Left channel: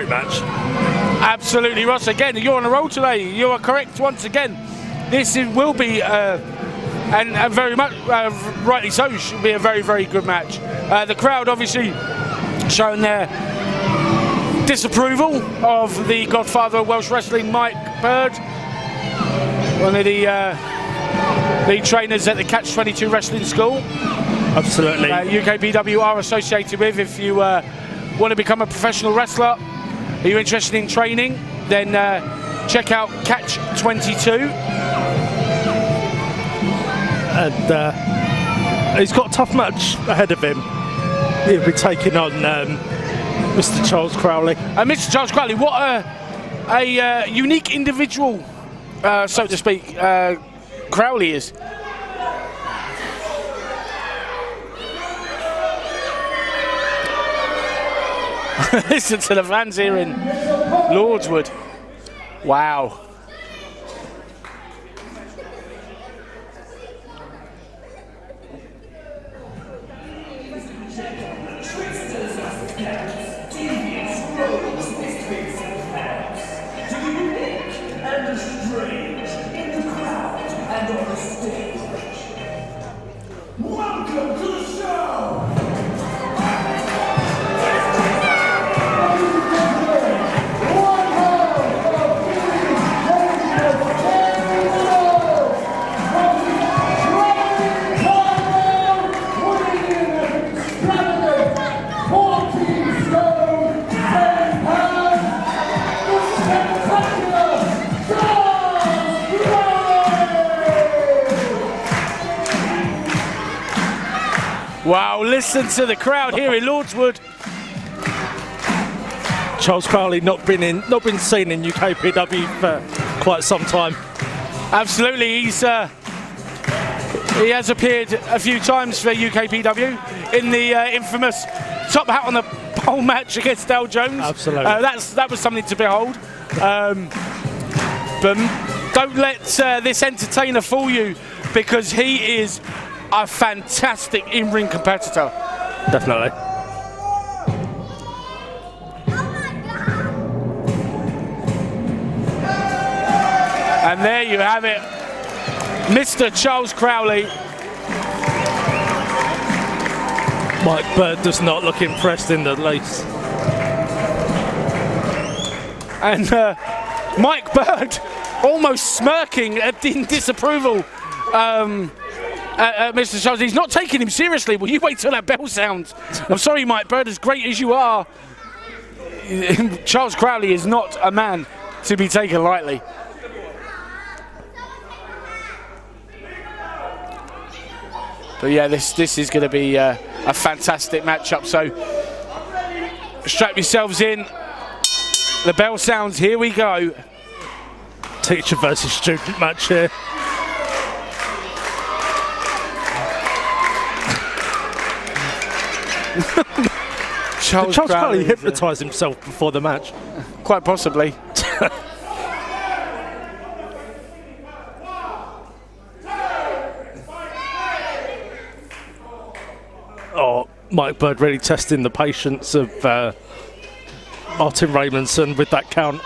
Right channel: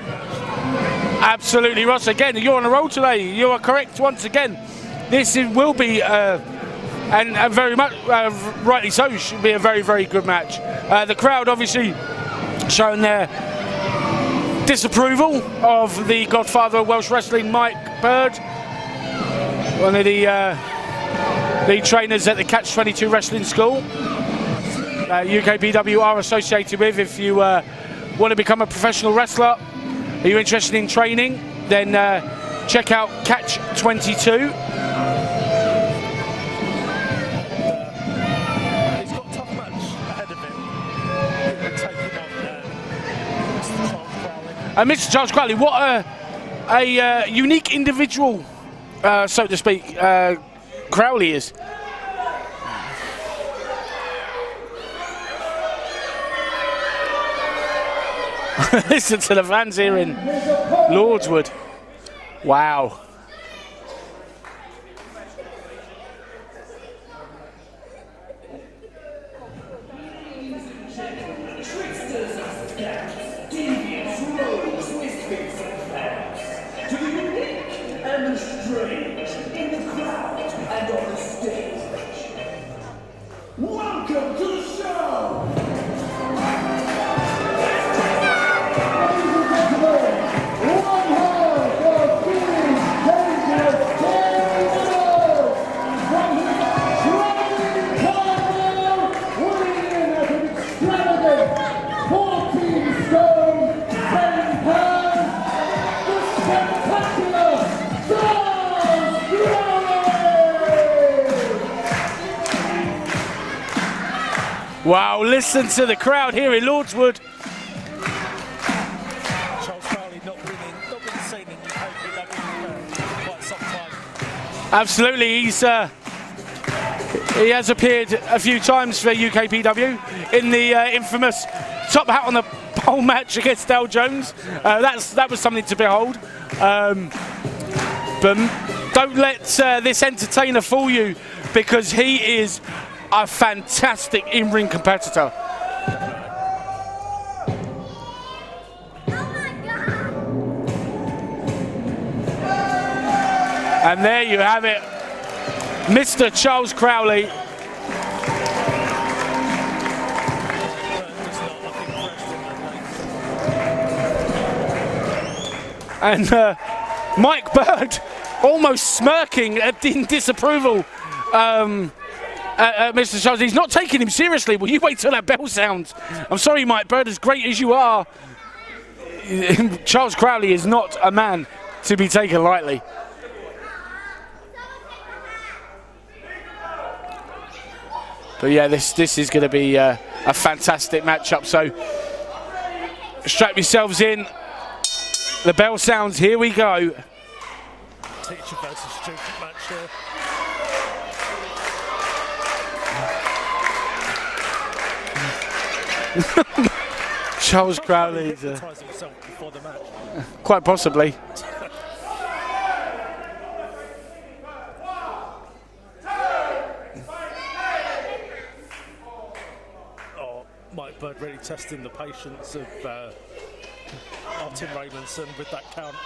great match. Absolutely, Ross. Again, you're on a roll today. You are correct once again. This will be, and very much rightly so, should be a very, very good match. The crowd obviously showing their disapproval of the Godfather of Welsh wrestling, Mike Bird, one of the lead trainers at the Catch 22 Wrestling School. Absolutely. UKPW are associated with. If you want to become a professional wrestler, are you interested in training, then check out Catch 22. And he's got a tough match ahead of him. He'll be taking on Mr. Charles Crowley. Mr. Charles Crowley, what a unique individual, so to speak, Crowley is. Listen to the fans here in Lordswood. Wow. Welcome to the show! Wow, listen to the crowd here in Lordswood. Charles Crowley not been seen in UKPW for quite some time. Absolutely, he has appeared a few times for UKPW in the infamous top hat on the pole match against Dale Jones. Absolutely. That was something to behold. But don't let this entertainer fool you, because he is a fantastic in-ring competitor. Definitely. And there you have it, Mr. Charles Crowley. Mike Bird does not look impressed in the least. And Mike Bird almost smirking in disapproval. Mr. Charles, he's not taking him seriously. Will you wait till that bell sounds? I'm sorry, Mike Bird, as great as you are, Charles Crowley is not a man to be taken lightly. But yeah, this is going to be a fantastic matchup. So strap yourselves in. The bell sounds. Here we go. Teacher versus student match here. Charles Crowley hypnotised himself before the match. Quite possibly. Oh, Mike Bird really testing the patience of Martin Raymondson with that count.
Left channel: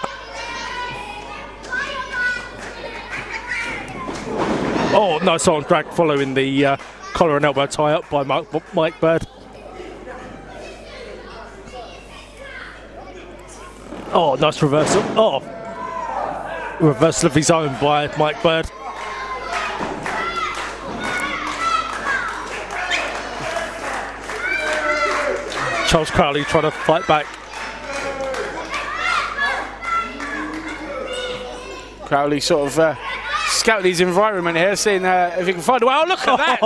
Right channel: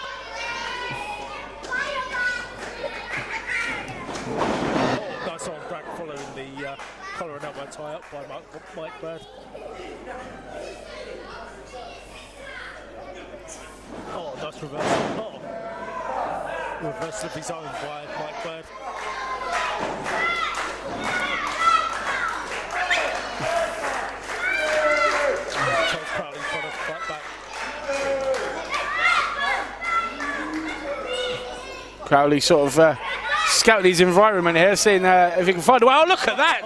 Oh, nice arm drag following the collar and elbow tie up by Mike Bird. Oh, nice reversal. Oh, reversal of his own by Mike Bird. Charles Crowley trying to fight back. Crowley sort of scouting his environment here, seeing if he can find a way. Oh, look at that!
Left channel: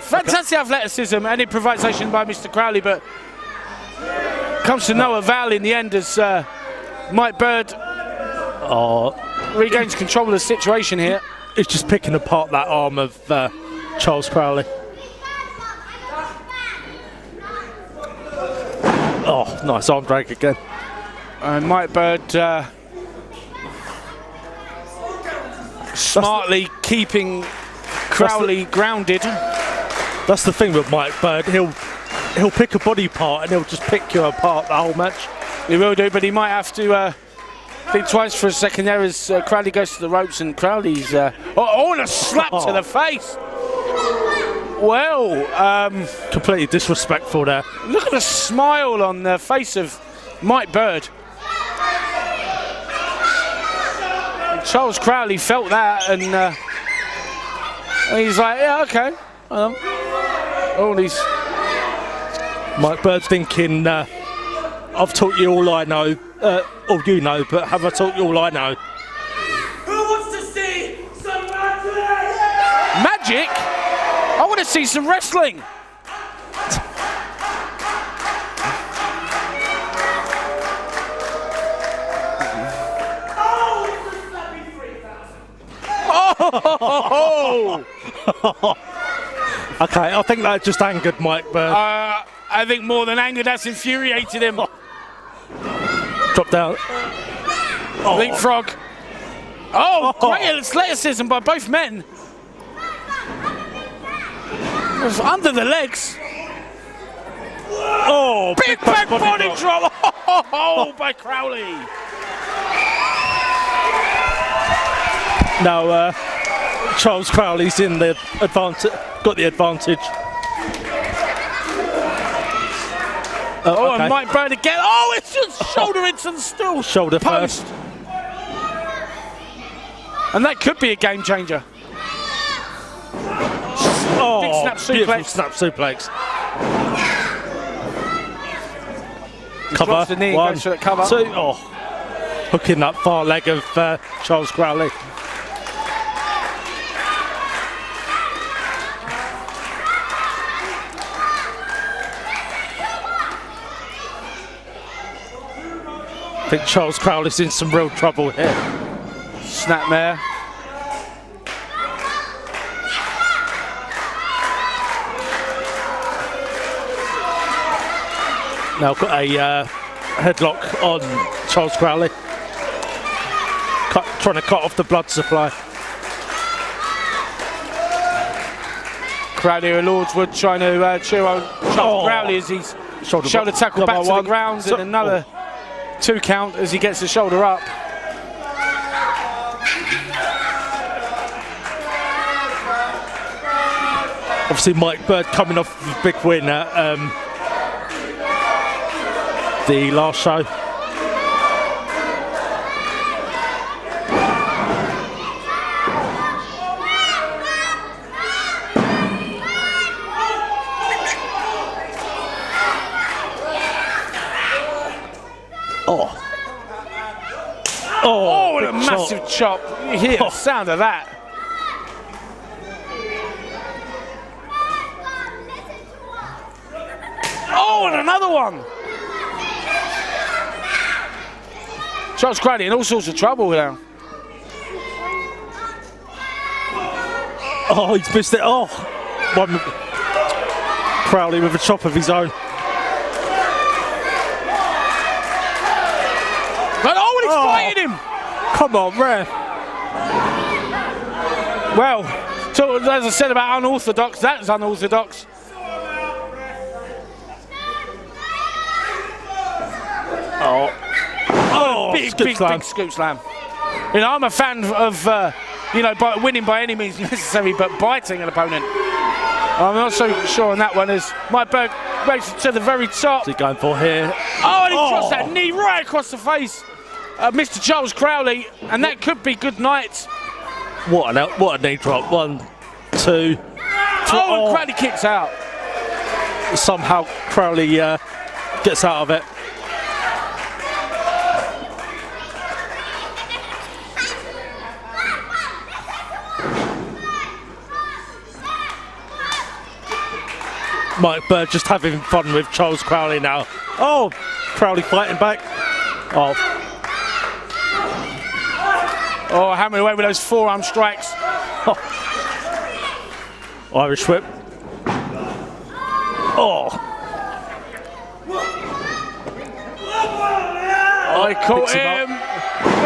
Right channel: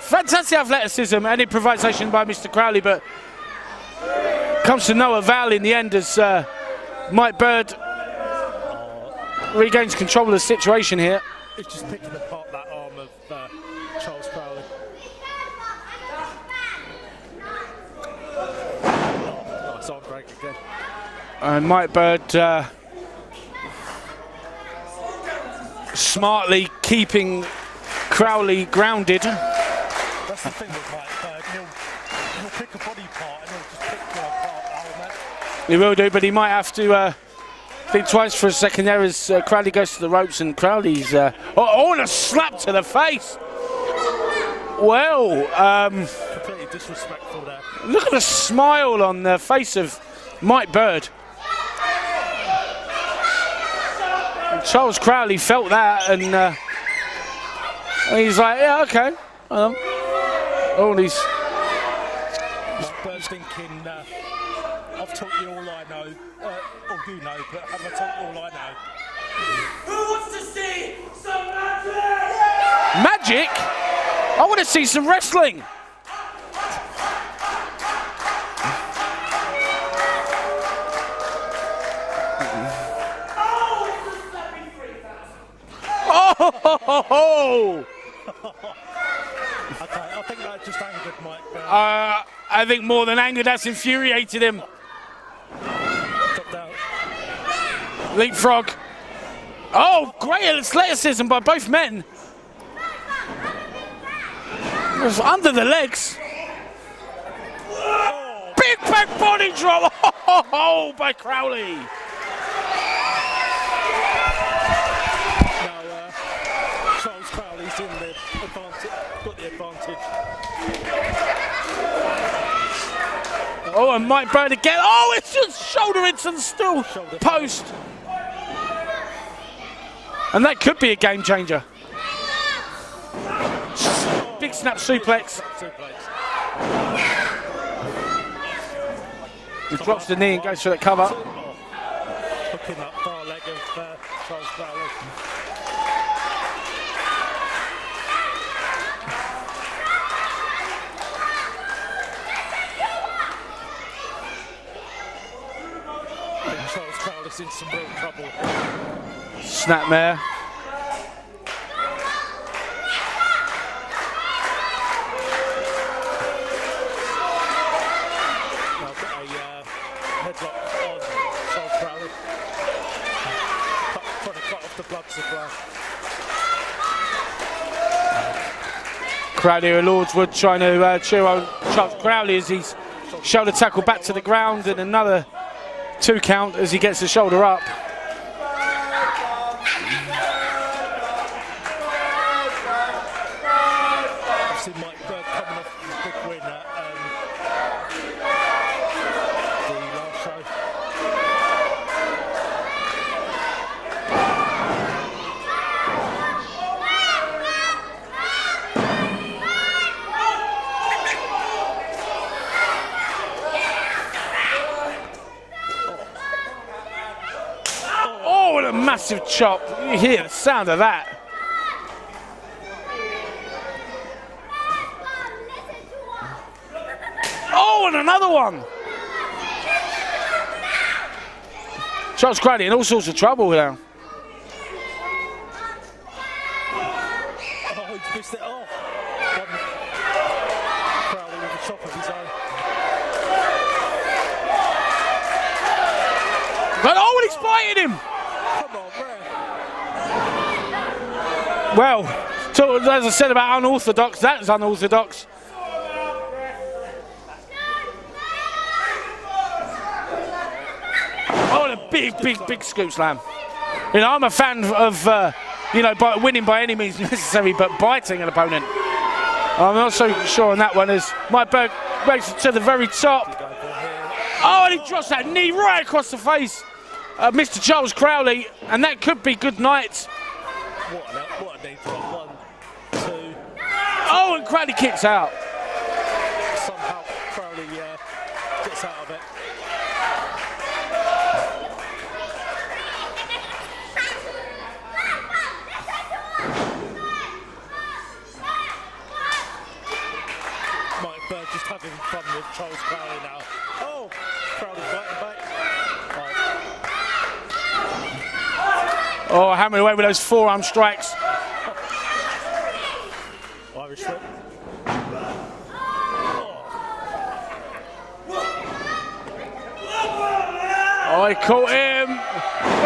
Fantastic athleticism and improvisation by Mr. Crowley, but comes to no avail in the end as Mike Bird regains control of the situation here. He's just picking apart that arm of Charles Crowley. Oh, nice arm drag again. And Mike Bird smartly keeping Crowley grounded. That's the thing with Mike Bird. He'll pick a body part and he'll just pick you apart the whole match. He will do, but he might have to think twice for a second there as Crowley goes to the ropes, and Crowley's... and a slap to the face! Well... completely disrespectful there. Look at the smile on the face of Mike Bird. Charles Crowley felt that, and he's like, yeah, okay. All these... Mike Bird's thinking, I've taught you all I know, or you know, but have I taught you all I know? Who wants to see some magic? Magic? I want to see some wrestling. Oh! Okay, I think that just angered Mike Bird. I think more than anger, that's infuriated him. Drop down. Leapfrog. Oh, great athleticism by both men. It was under the legs. Oh, Big back body drop. Oh, by Crowley. now Charles Crowley's in the advantage, got the advantage. Oh, okay. and Mike Bird again. Oh, it's just shoulder into the stool. Shoulder post. first. And that could be a game changer. Oh, Big snap suplex. Snap suplex. He drops the knee and goes for the cover. Two. Oh, hooking that far leg of Charles Crowley. I think Charles Crowley's in some real trouble here. Snapmare. Now put a headlock on Charles Crowley. Trying to cut off the blood supply. Crowley or Lordswood trying to cheer on Charles Crowley as he's shoulder tackle back to the ground, and another 2 count as he gets the shoulder up. Obviously Mike Bird coming off a big win at the last show. Oh, what a massive chop. You hear the sound of that. Oh, and another one. Charles Crowley in all sorts of trouble now. Oh, he's missed it. Oh, one. Crowley with a chop of his own. But oh, and he's fighting him. Come on, Rev. Well, so as I said about unorthodox, that's unorthodox. Oh, big scoop slam. You know, I'm a fan of, you know, winning by any means necessary, but biting an opponent. I'm not so sure on that one as Mike Bird makes it to the very top. What's he going for here? Oh, and he drops that knee right across the face. Mr. Charles Crowley, and that could be good night. What a knee drop. 1, 2. Oh, and Crowley kicks out. Somehow Crowley gets out of it. Mike Bird just having fun with Charles Crowley now. Oh, Crowley fighting back. Oh. Oh, hammering away with those forearm strikes. Oh. Irish whip. Oh. Oh, he caught him.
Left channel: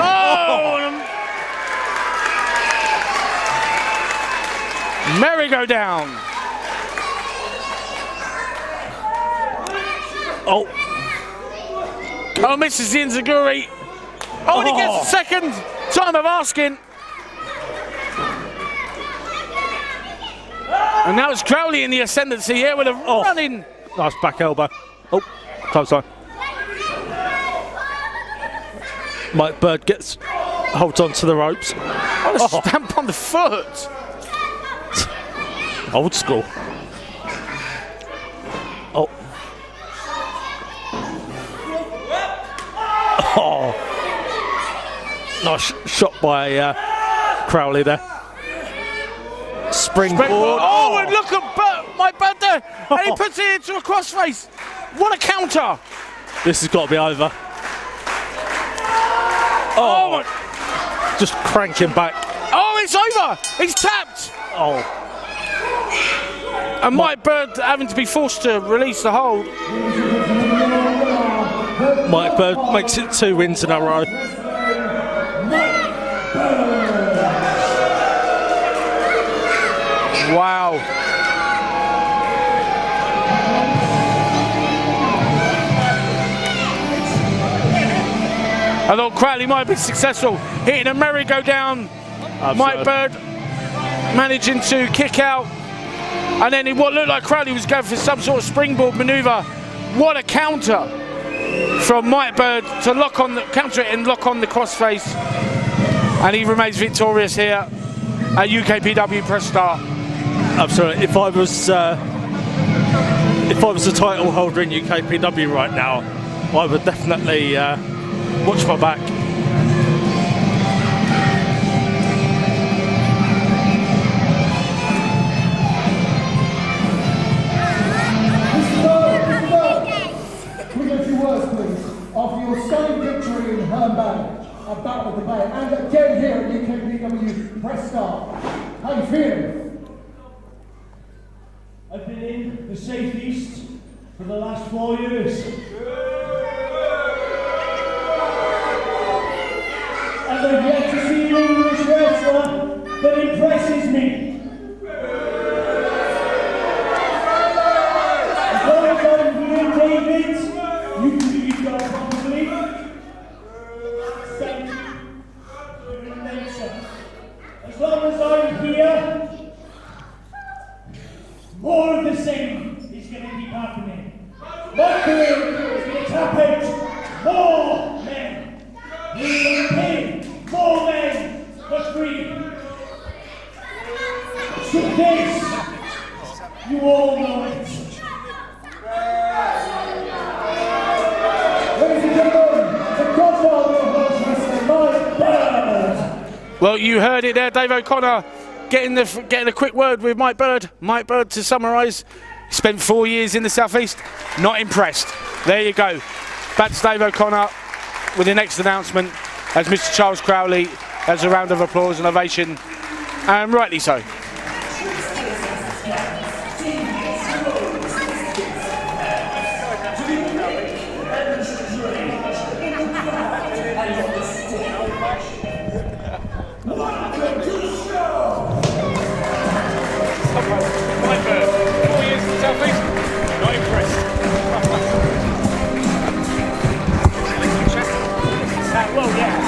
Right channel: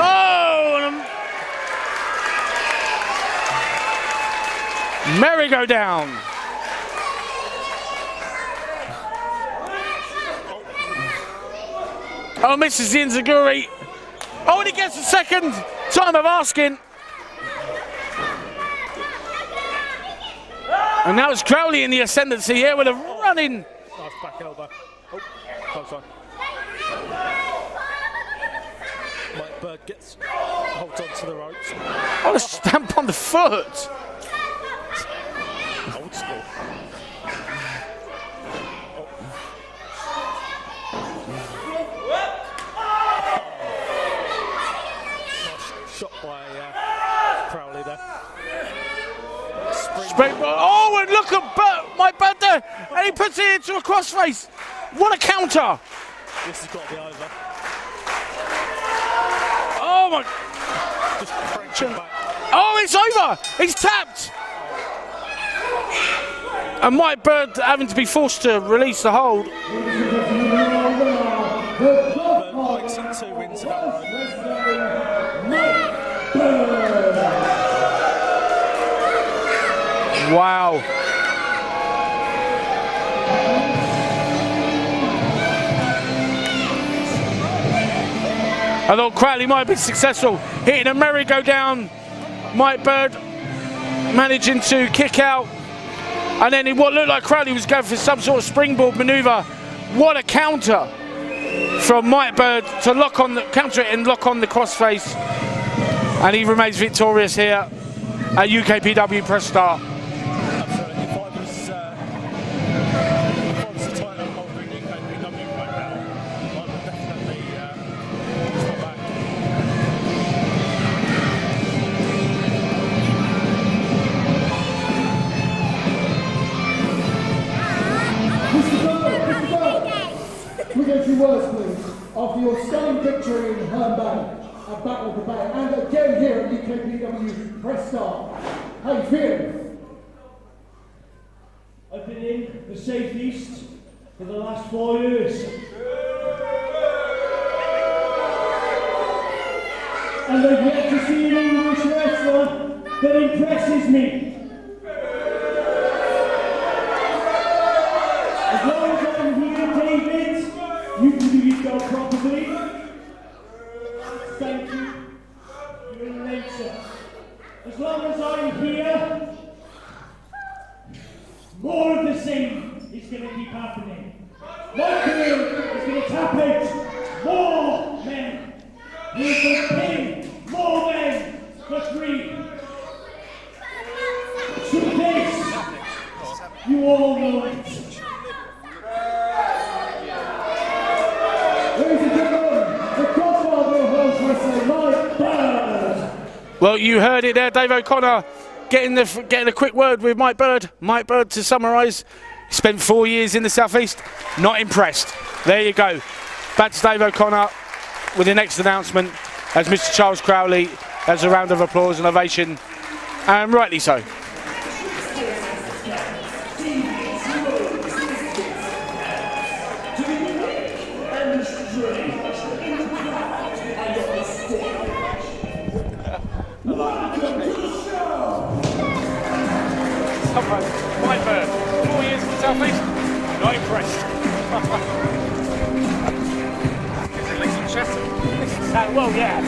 Oh! Merry-go-down. Oh. Oh, misses the enziguri. Oh, and he gets the second time of asking. And now it's Crowley in the ascendancy here with a running. Nice back elbow. Oh, close line. Mike Bird holds on to the ropes. Oh, a stamp on the foot. Old school. Oh. Oh. Nice shot by Crowley there. Springboard. Oh, and look at Mike Bird there. And he puts it into a crossface. What a counter. This has got to be over. Oh my. Just cranking back. Oh, it's over. He's tapped. Oh. And Mike Bird having to be forced to release the hold. Mike Bird makes it 2 wins in a row. Wow. I thought Crowley might be successful hitting a merry-go-down. Mike Bird managing to kick out. And then what looked like Crowley was going for some sort of springboard maneuver. What a counter from Mike Bird to counter it and lock on the crossface. And he remains victorious here at UKPW Press Start. Absolutely. If I was the title holder in UKPW right now, I would definitely watch my back. Can we get your words, please, after your stunning victory in Herne Bay at Battle of the Bay, and again here at UKPW Press Start? How you feeling? I've been in the South East for the last 4 years. And I've yet to see an English wrestler that impresses me. As long as I'm here, David, you can do your job properly. Thank you. You're an announcer. As long as I'm here, more of the same is going to keep happening. My career is going to tap out more men. We're going to pay more men for free. Truth is, you all know it. Ladies and gentlemen, the Godfather of Welsh wrestling, Mike Bird. Well, you heard it there, Dave O'Connor getting a quick word with Mike Bird. Mike Bird, to summarise, spent 4 years in the South East, not impressed. There you go. Back to Dave O'Connor with the next announcement as Mr. Charles Crowley has a round of applause and ovation, and rightly so. Mike Bird, 4 years in the South East, not impressed. Chatham. Well, yeah.